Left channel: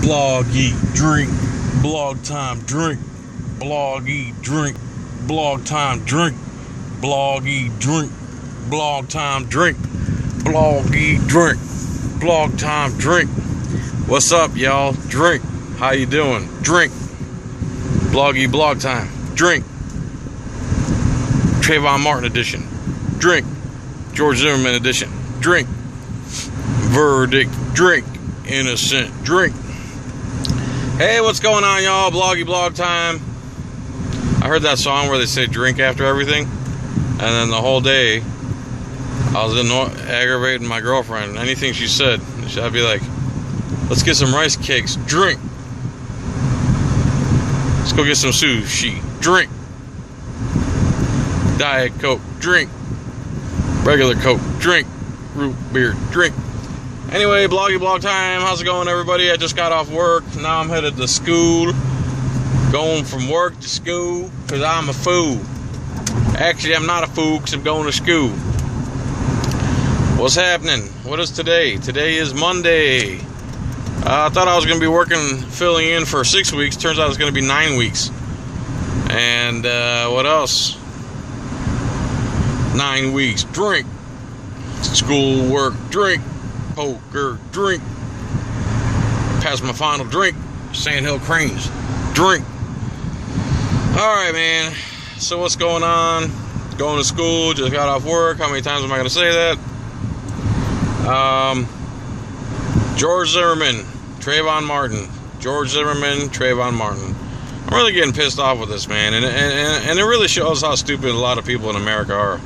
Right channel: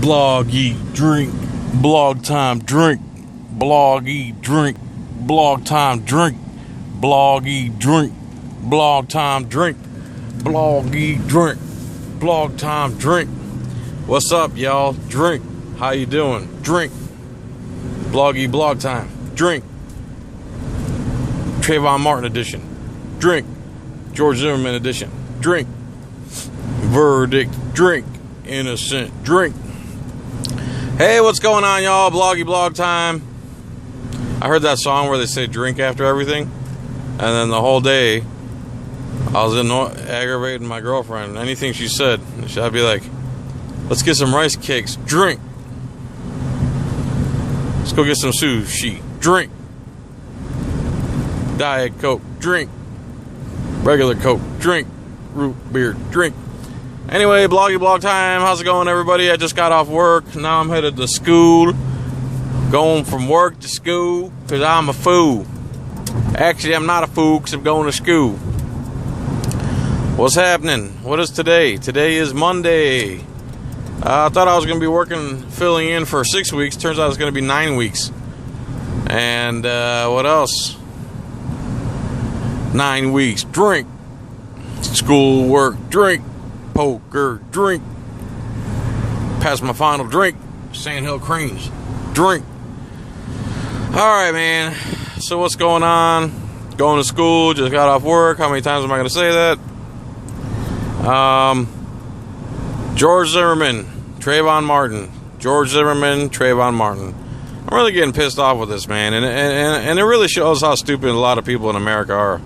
Bloggy, drink, blog time, drink, bloggy, drink, blog time, drink, bloggy, drink, blog time, drink, bloggy, drink, blog time, drink. What's up, y'all? Drink. How you doing? Drink. Bloggy, blog time, drink. Trayvon Martin edition, drink. George Zimmerman edition, drink. Verdict, drink. Innocent, drink. Hey, what's going on, y'all? Bloggy blog time. I heard that song where they say drink after everything, and then the whole day I was aggravating my girlfriend. Anything she said, I'd be like, let's get some rice cakes, drink. Let's go get some sushi, drink. Diet Coke, drink. Regular Coke, drink. Root beer, drink. Anyway, bloggy blog time. How's it going, everybody? I just got off work. Now I'm headed to school. Going from work to school because I'm a fool. Actually, I'm not a fool because I'm going to school. What's happening? What is today? Today is Monday. I thought I was going to be filling in for 6 weeks. Turns out it's going to be 9 weeks. And what else? 9 weeks. Drink. School, work, drink. Poker, drink. Pass my final drink. Sandhill Cranes, drink. Alright, man. So what's going on? Going to school, just got off work. How many times am I going to say that? George Zimmerman, Trayvon Martin. George Zimmerman, Trayvon Martin. I'm really getting pissed off with this, man. And it really shows how stupid a lot of people in America are.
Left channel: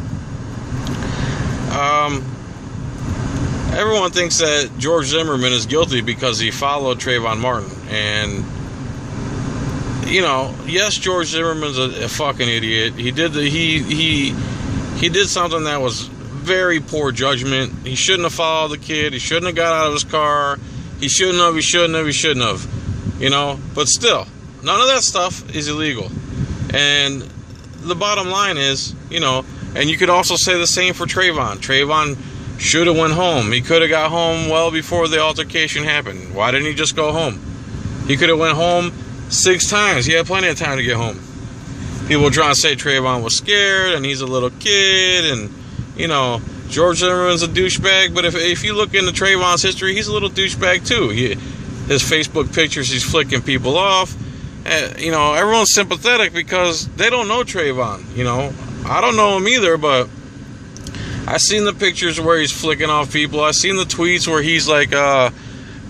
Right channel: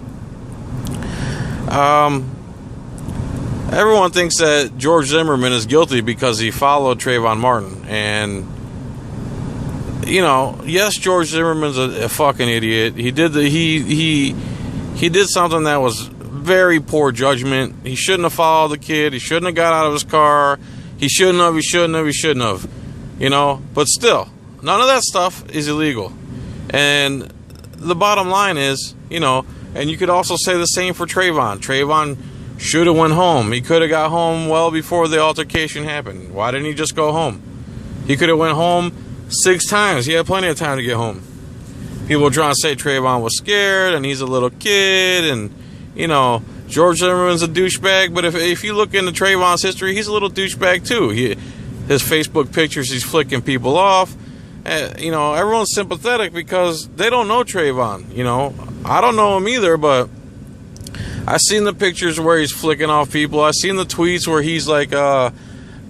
Everyone thinks that George Zimmerman is guilty because he followed Trayvon Martin. And, you know, yes, George Zimmerman's a fucking idiot. He did he did something that was very poor judgment. He shouldn't have followed the kid. He shouldn't have got out of his car. He shouldn't have. You know, but still, none of that stuff is illegal. And the bottom line is, you know, and you could also say the same for Trayvon. Trayvon should have went home. He could have got home well before the altercation happened. Why didn't he just go home? He could have went home 6 times. He had plenty of time to get home. People trying to say Trayvon was scared and he's a little kid and, you know, George Zimmerman's a douchebag. But if you look into Trayvon's history, he's a little douchebag too. His Facebook pictures, he's flicking people off. You know, everyone's sympathetic because they don't know Trayvon. You know, I don't know him either, but I've seen the pictures where he's flicking off people. I've seen the tweets where he's like a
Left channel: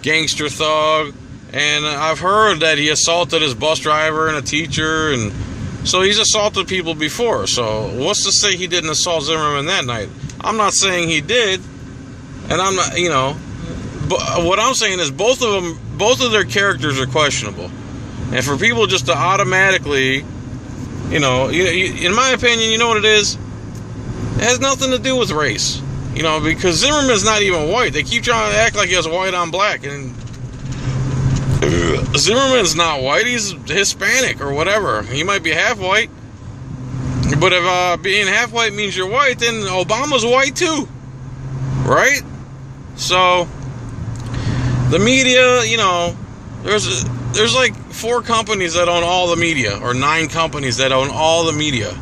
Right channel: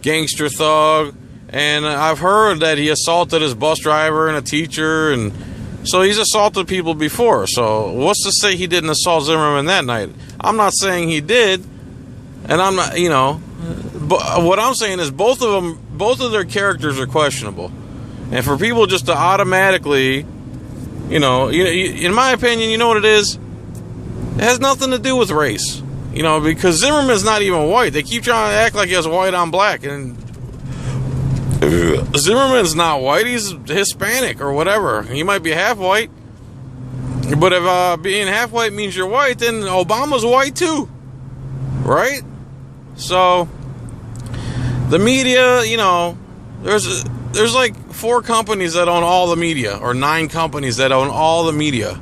gangster thug. And I've heard that he assaulted his bus driver and a teacher. And so he's assaulted people before. So what's to say he didn't assault Zimmerman that night? I'm not saying he did. And I'm not, you know. But what I'm saying is both of their characters are questionable. And for people just to automatically, you know, in my opinion, you know what it is? It has nothing to do with race, you know, because Zimmerman's not even white. They keep trying to act like he has white on black, and Zimmerman's not white. He's Hispanic or whatever. He might be half white, but if being half white means you're white, then Obama's white too, right? So the media, you know, there's like 4 companies that own all the media, or 9 companies that own all the media.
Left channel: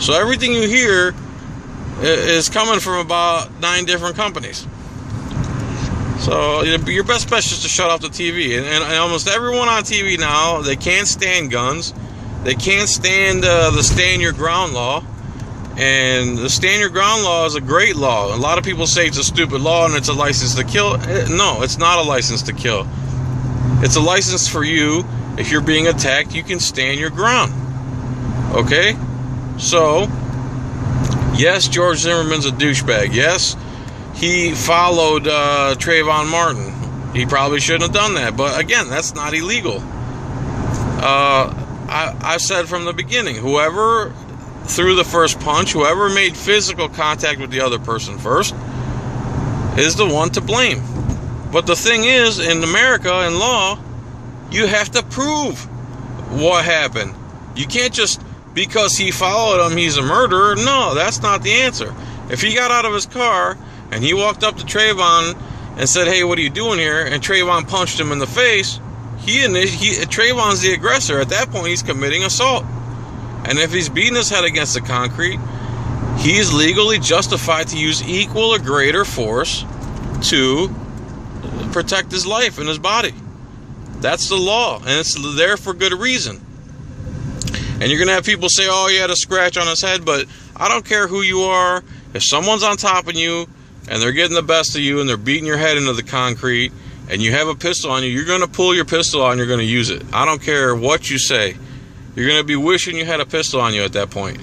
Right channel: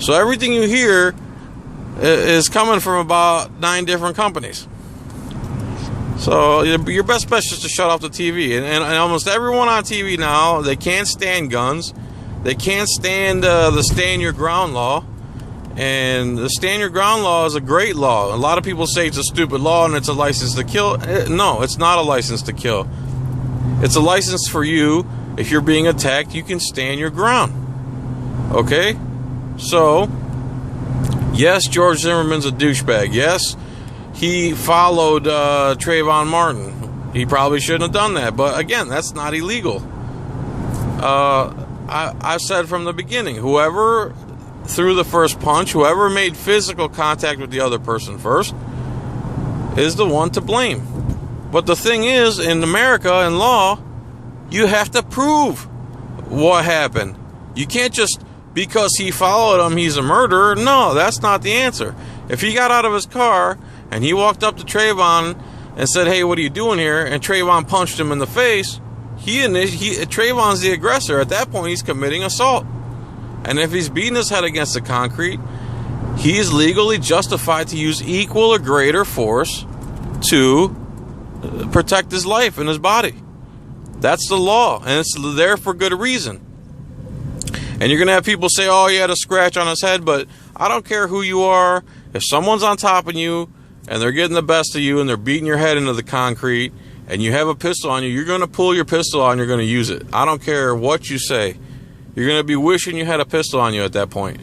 So everything you hear is coming from about 9 different companies. So your best bet is just to shut off the TV. And almost everyone on TV now, they can't stand guns. They can't stand the stand your ground law. And the stand your ground law is a great law. A lot of people say it's a stupid law and it's a license to kill. No, it's not a license to kill. It's a license for you. If you're being attacked, you can stand your ground. Okay? So yes, George Zimmerman's a douchebag. Yes, he followed Trayvon Martin. He probably shouldn't have done that. But again, that's not illegal. I've said from the beginning, whoever threw the first punch, whoever made physical contact with the other person first, is the one to blame. But the thing is, in America, in law, you have to prove what happened. You can't just, because he followed him, he's a murderer. No, that's not the answer. If he got out of his car and he walked up to Trayvon and said, hey, what are you doing here? And Trayvon punched him in the face, Trayvon's the aggressor. At that point, he's committing assault. And if he's beating his head against the concrete, he is legally justified to use equal or greater force to protect his life and his body. That's the law, and it's there for good reason. And you're going to have people say, oh, he had a scratch on his head, but I don't care who you are. If someone's on top of you and they're getting the best of you and they're beating your head into the concrete and you have a pistol on you, you're going to pull your pistol out and you're going to use it. I don't care what you say. You're going to be wishing you had a pistol on you at that point.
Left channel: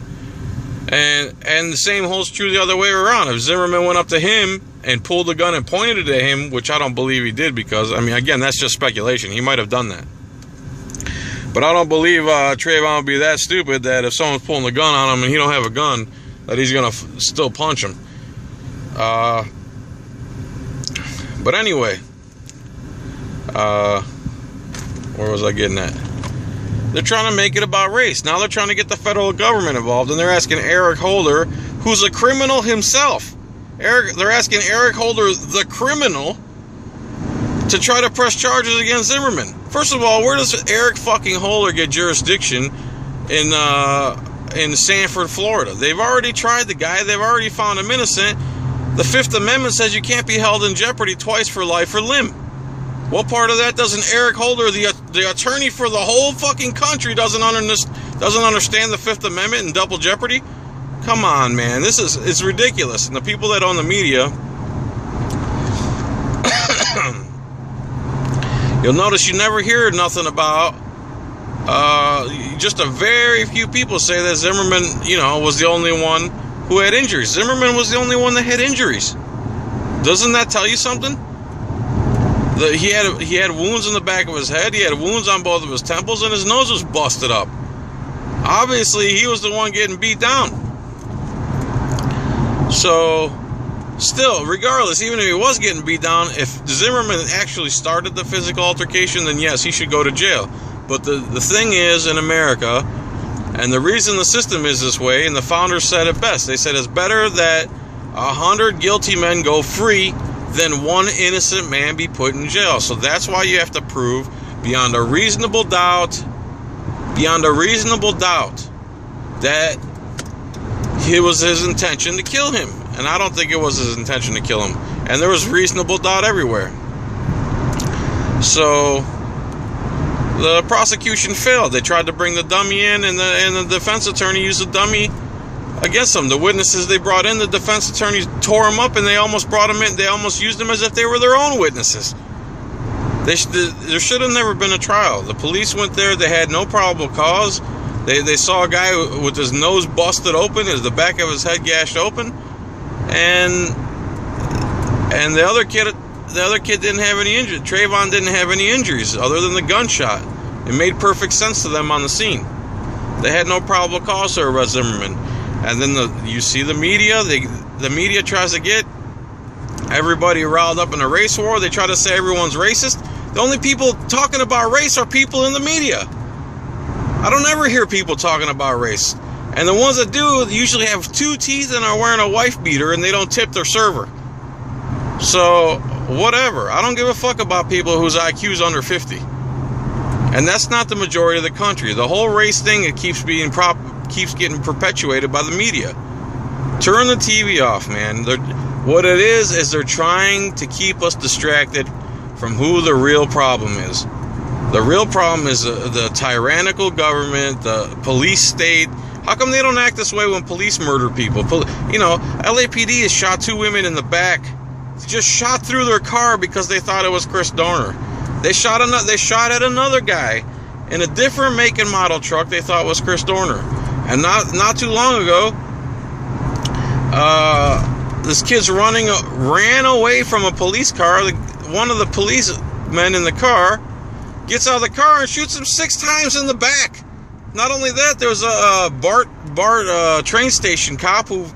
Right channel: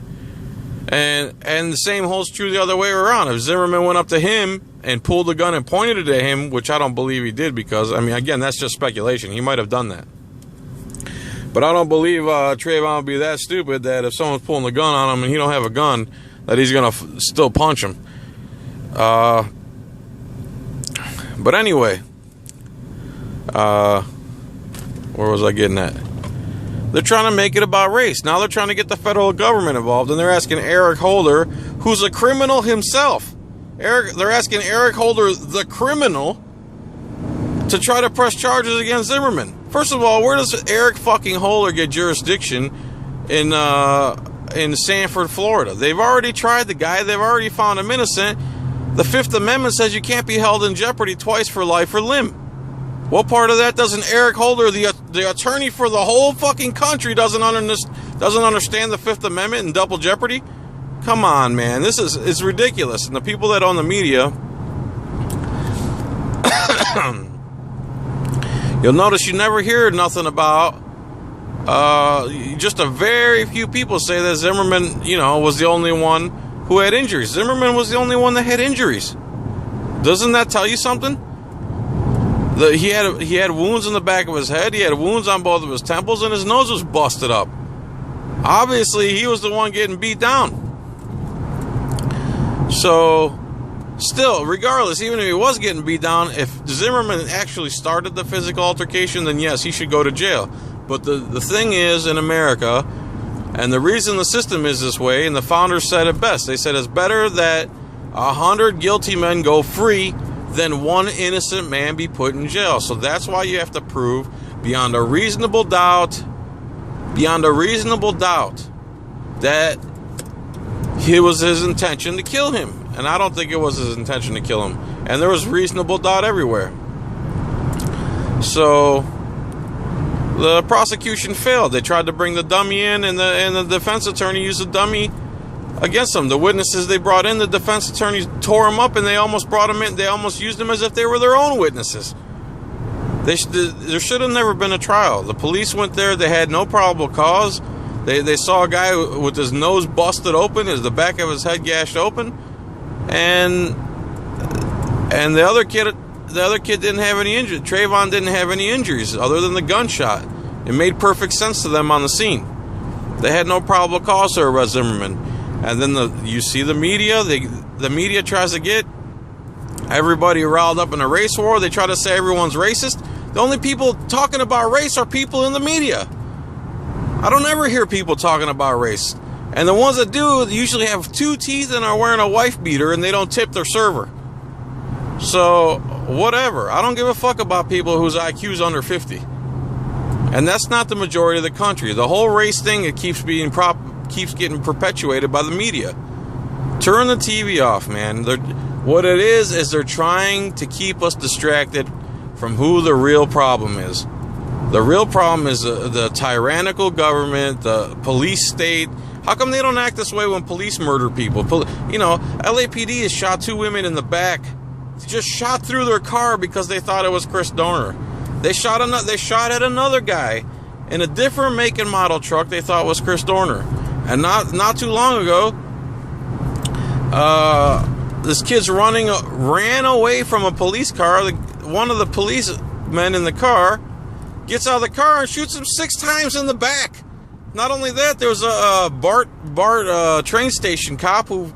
And the same holds true the other way around. If Zimmerman went up to him and pulled the gun and pointed it at him, which I don't believe he did because, I mean, again, that's just speculation. He might have done that. But I don't believe Trayvon would be that stupid that if someone's pulling the gun on him and he don't have a gun, that he's going to still punch him. But anyway, where was I getting at? They're trying to make it about race. Now they're trying to get the federal government involved, and they're asking Eric Holder, who's a criminal himself. They're asking Eric Holder, the criminal, to try to press charges against Zimmerman. First of all, where does Eric fucking Holder get jurisdiction in Sanford, Florida? They've already tried the guy. They've already found him innocent. The Fifth Amendment says you can't be held in jeopardy twice for life or limb. What part of that doesn't Eric Holder, the attorney for the whole fucking country, doesn't understand the Fifth Amendment and double jeopardy? Come on, man. It's ridiculous. And the people that own the media, you'll notice you never hear nothing about, just a very few people say that Zimmerman, was the only one who had injuries. Zimmerman was the only one that had injuries. Doesn't that tell you something? He had wounds in the back of his head. He had wounds on both of his temples, and his nose was busted up. Obviously, he was the one getting beat down. So, still, regardless, even if he was getting beat down, if Zimmerman actually started the physical altercation, then yes, he should go to jail. But the thing is, in America, and the reason the system is this way, and the founders said it best, they said it's better that 100 guilty men go free than one innocent man be put in jail. So that's why you have to prove beyond a reasonable doubt that it was his intention to kill him. And I don't think it was his intention to kill him. And there was reasonable doubt everywhere. So the prosecution failed. They tried to bring the dummy in, and the defense attorney used the dummy against them. The witnesses they brought in, the defense attorneys tore them up, and they almost brought them in. They almost used them as if they were their own witnesses. There should have never been a trial. The police went there. They had no probable cause. They saw a guy with his nose busted open, the back of his head gashed open, and the other kid didn't have any injuries. Trayvon didn't have any injuries other than the gunshot. It made perfect sense to them on the scene. They had no probable cause to arrest Zimmerman. And then you see the media. The media tries to get everybody riled up in a race war. They try to say everyone's racist. The only people talking about race are people in the media. I don't ever hear people talking about race. And the ones that do usually have 2 teeth and are wearing a wife beater, and they don't tip their server. So, whatever. I don't give a fuck about people whose IQ is under 50. And that's not the majority of the country. The whole race thing, it keeps getting perpetuated by the media. Turn the TV off, man. What it is they're trying to keep us distracted from who the real problem is. The real problem is the tyrannical government, the police state. How come they don't act this way when police murder people? LAPD has shot 2 women in the back. Just shot through their car because they thought it was Chris Dorner. They shot at another guy in a different make and model truck they thought was Chris Dorner. And not too long ago, this kid's ran away from a police car. One of the policemen in the car gets out of the car and shoots him 6 times in the back. Not only that, there was a BART train station cop who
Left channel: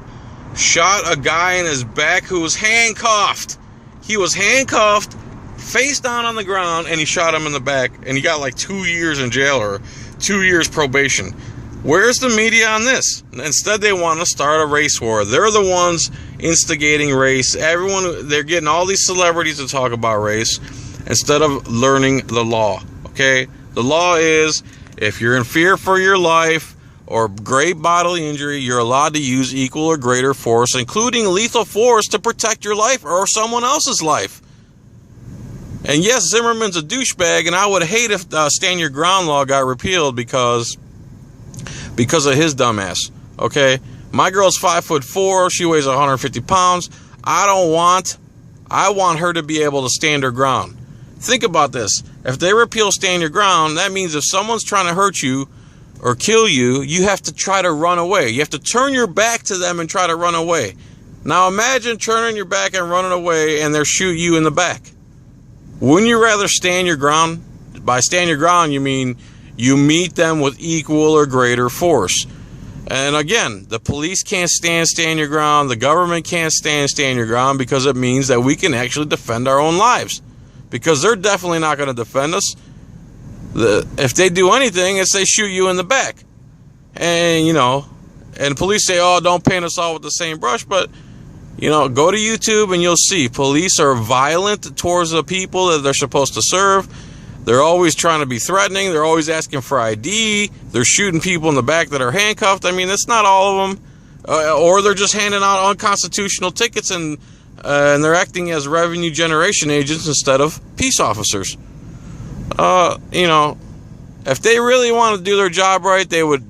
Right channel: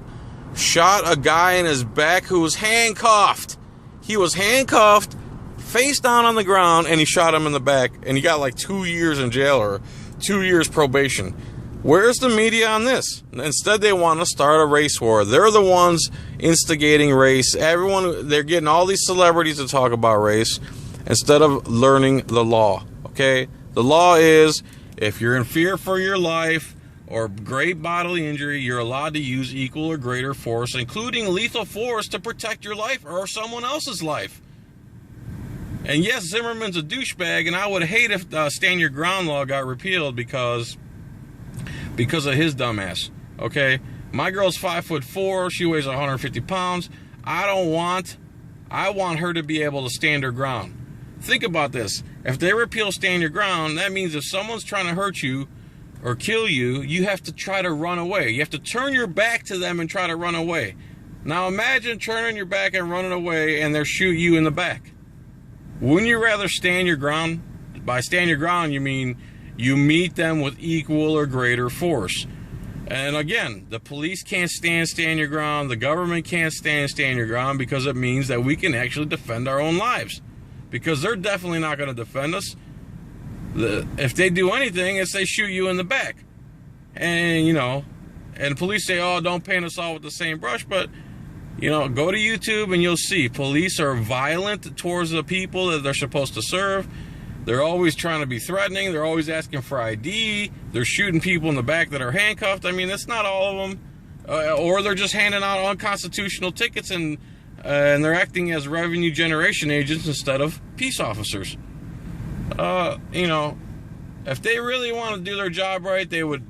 shot a guy in his back who was handcuffed. He was handcuffed, face down on the ground, and he shot him in the back. And he got like 2 years in jail or 2 years probation. Where's the media on this? Instead, they want to start a race war. They're the ones instigating race. They're getting all these celebrities to talk about race instead of learning the law. Okay? The law is, if you're in fear for your life or great bodily injury, you're allowed to use equal or greater force, including lethal force, to protect your life or someone else's life. And yes, Zimmerman's a douchebag, and I would hate if Stand Your Ground law got repealed because of his dumbass. Okay? My girl's 5'4", she weighs 150 pounds. I want her to be able to stand her ground. Think about this. If they repeal Stand Your Ground, that means if someone's trying to hurt you or kill you, you have to try to run away. You have to turn your back to them and try to run away. Now imagine turning your back and running away and they're shoot you in the back. Wouldn't you rather stand your ground? By stand your ground, you mean you meet them with equal or greater force. And again, the police can't stand your ground. The government can't stand your ground, because it means that we can actually defend our own lives. Because they're definitely not going to defend us. If they do anything, it's they shoot you in the back. And, you know, and police say, oh, don't paint us all with the same brush. But, you know, go to YouTube and you'll see police are violent towards the people that they're supposed to serve. They're always trying to be threatening. They're always asking for ID. They're shooting people in the back that are handcuffed. I mean, it's not all of them. Or they're just handing out unconstitutional tickets and they're acting as revenue generation agents instead of peace officers. You know, if they really want to do their job right, they would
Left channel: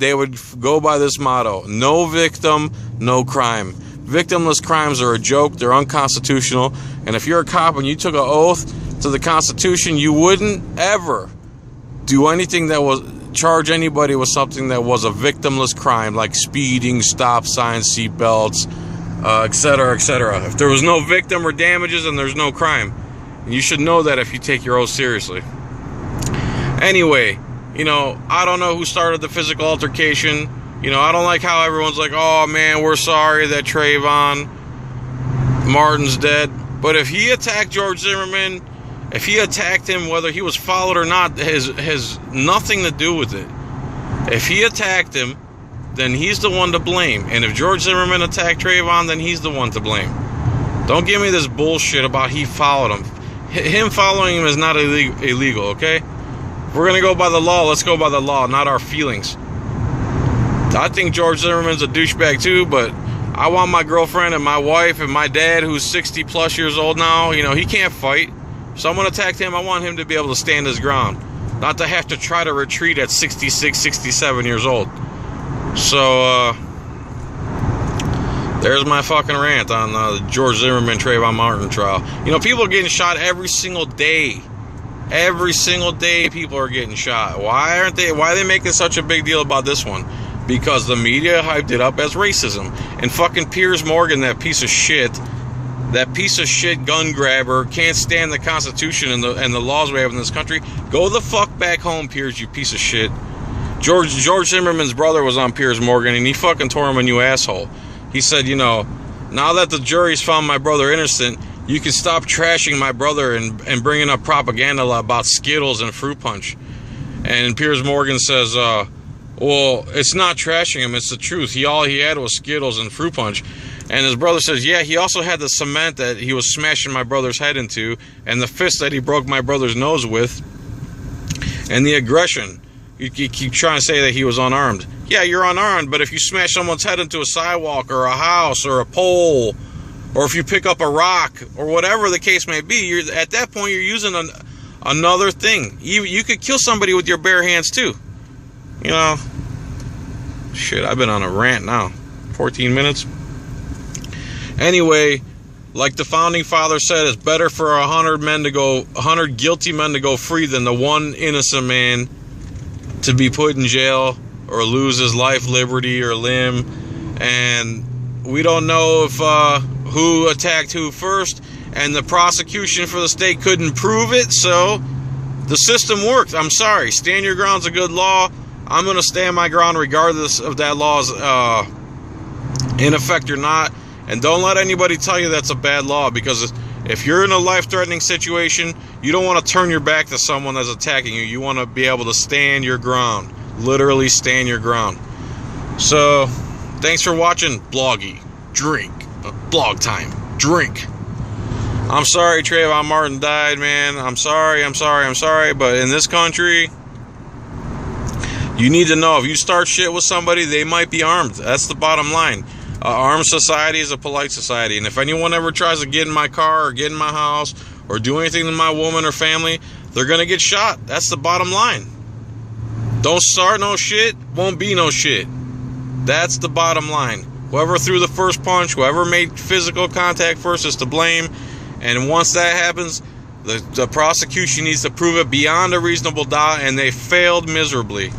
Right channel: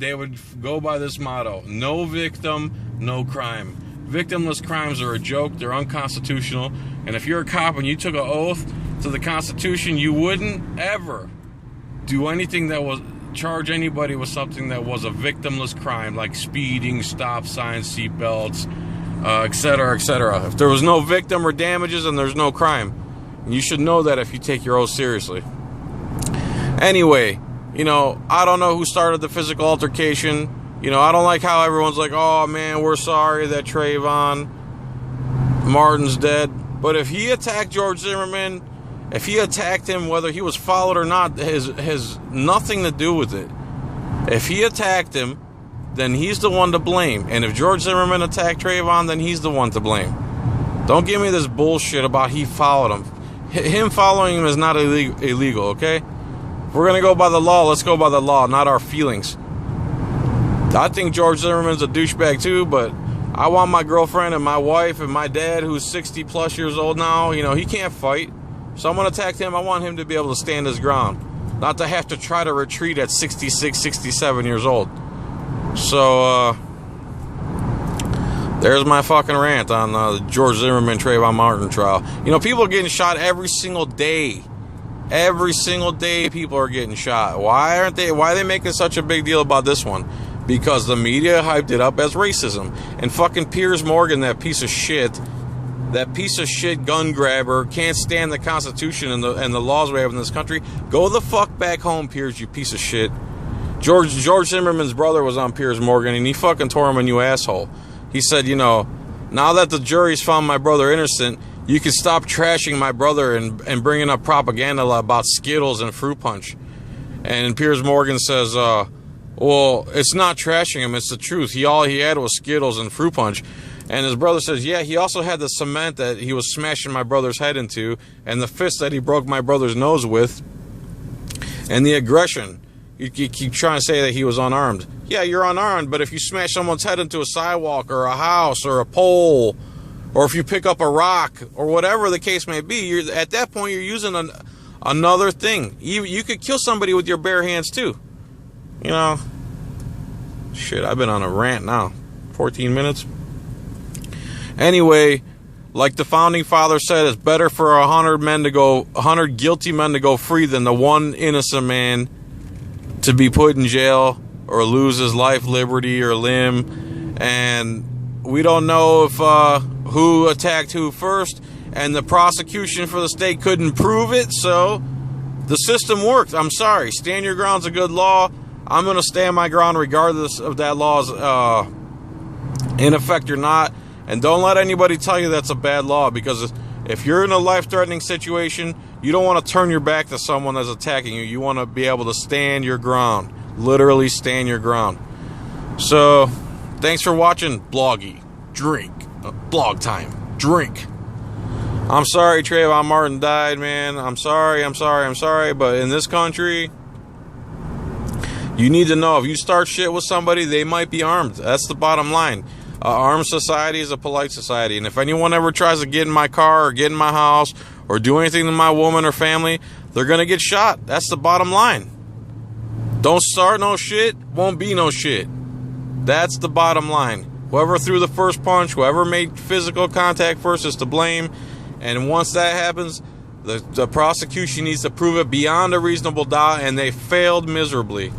go by this motto: no victim, no crime. Victimless crimes are a joke. They're unconstitutional. And if you're a cop and you took an oath to the Constitution, you wouldn't ever do anything that was charge anybody with something that was a victimless crime, like speeding, stop signs, seatbelts, etc., etc. If there was no victim or damages, then there's no crime. And you should know that if you take your oath seriously. Anyway, you know, I don't know who started the physical altercation. You know, I don't like how everyone's like, oh man, we're sorry that Trayvon Martin's dead. But if he attacked George Zimmerman, if he attacked him, whether he was followed or not, has nothing to do with it. If he attacked him, then he's the one to blame. And if George Zimmerman attacked Trayvon, then he's the one to blame. Don't give me this bullshit about he followed him. Him following him is not illegal, okay? If we're going to go by the law, let's go by the law, not our feelings. I think George Zimmerman's a douchebag too, but I want my girlfriend and my wife and my dad, who's 60 plus years old now, you know, he can't fight. If someone attacked him, I want him to be able to stand his ground, not to have to try to retreat at 66, 67 years old. So, there's my fucking rant on the George Zimmerman Trayvon Martin trial. You know, people are getting shot every single day. Every single day people are getting shot. Why are they making such a big deal about this one? Because the media hyped it up as racism. And fucking Piers Morgan, that piece of shit gun grabber, can't stand the Constitution and the laws we have in this country. Go the fuck back home, Piers, you piece of shit. George Zimmerman's brother was on Piers Morgan, and he fucking tore him a new asshole. He said, you know, now that the jury's found my brother innocent, you can stop trashing my brother and bringing up propaganda about Skittles and fruit punch. And Piers Morgan says, well, it's not trashing him, it's the truth. All he had was Skittles and fruit punch. And his brother says, yeah, he also had the cement that he was smashing my brother's head into, and the fist that he broke my brother's nose with, and the aggression. You keep trying to say that he was unarmed. Yeah, you're unarmed, but if you smash someone's head into a sidewalk or a house or a pole, or if you pick up a rock or whatever the case may be, at that point you're using another thing. You could kill somebody with your bare hands too. You know, shit, I've been on a rant now. 14 minutes. Anyway, like the founding father said, it's better for 100 guilty men to go free than the one innocent man to be put in jail or lose his life, liberty, or limb. And we don't know if who attacked who first, and the prosecution for the state couldn't prove it, so the system worked. I'm sorry. Stand your ground's a good law. I'm going to stand my ground regardless of that law's in effect or not. And don't let anybody tell you that's a bad law, because if you're in a life-threatening situation, you don't want to turn your back to someone that's attacking you. You want to be able to stand your ground. Literally stand your ground. So, thanks for watching Bloggy. Drink. Blog time. Drink. I'm sorry Trayvon Martin died, man. I'm sorry. But in this country, you need to know if you start shit with somebody, they might be armed. That's the bottom line. Armed society is a polite society. And if anyone ever tries to get in my car or get in my house or do anything to my woman or family, they're going to get shot. That's the bottom line. Don't start no shit, won't be no shit. That's the bottom line. Whoever threw the first punch, whoever made physical contact first is to blame. And once that happens, the prosecution needs to prove it beyond a reasonable doubt, and they failed miserably.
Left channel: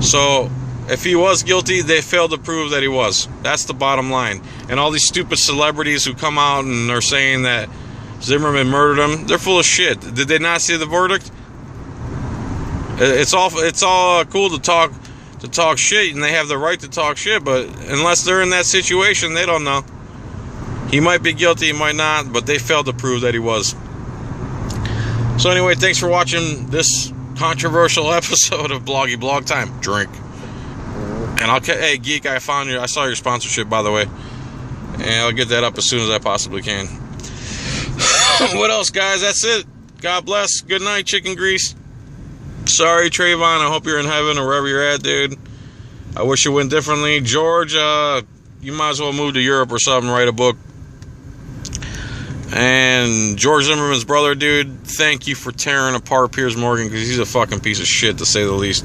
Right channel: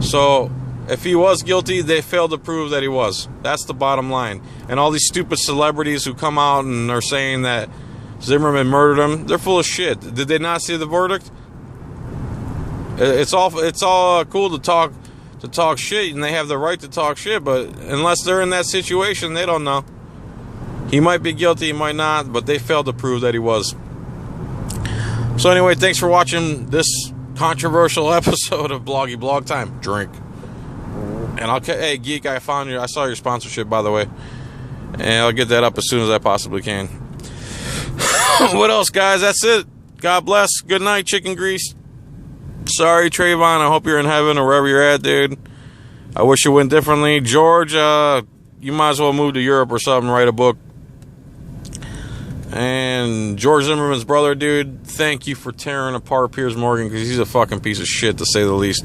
So if he was guilty, they failed to prove that he was. That's the bottom line. And all these stupid celebrities who come out and are saying that Zimmerman murdered him, they're full of shit. Did they not see the verdict? It's all cool to talk shit, and they have the right to talk shit, but unless they're in that situation, they don't know. He might be guilty, he might not, but they failed to prove that he was. So anyway, thanks for watching this controversial episode of Bloggy Blog Time. Drink. And hey, Geek, I saw your sponsorship, by the way. And I'll get that up as soon as I possibly can. What else, guys? That's it. God bless. Good night, chicken grease. Sorry, Trayvon. I hope you're in heaven or wherever you're at, dude. I wish it went differently. George, you might as well move to Europe or something, write a book. And George Zimmerman's brother, dude, thank you for tearing apart Piers Morgan, because he's a fucking piece of shit, to say the least.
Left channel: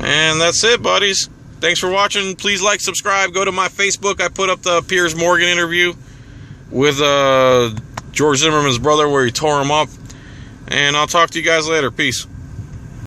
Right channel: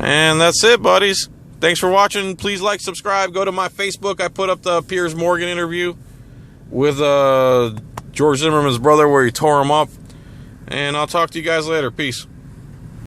And that's it, buddies. Thanks for watching. Please like, subscribe. Go to my Facebook. I put up the Piers Morgan interview with George Zimmerman's brother where he tore him up. And I'll talk to you guys later. Peace.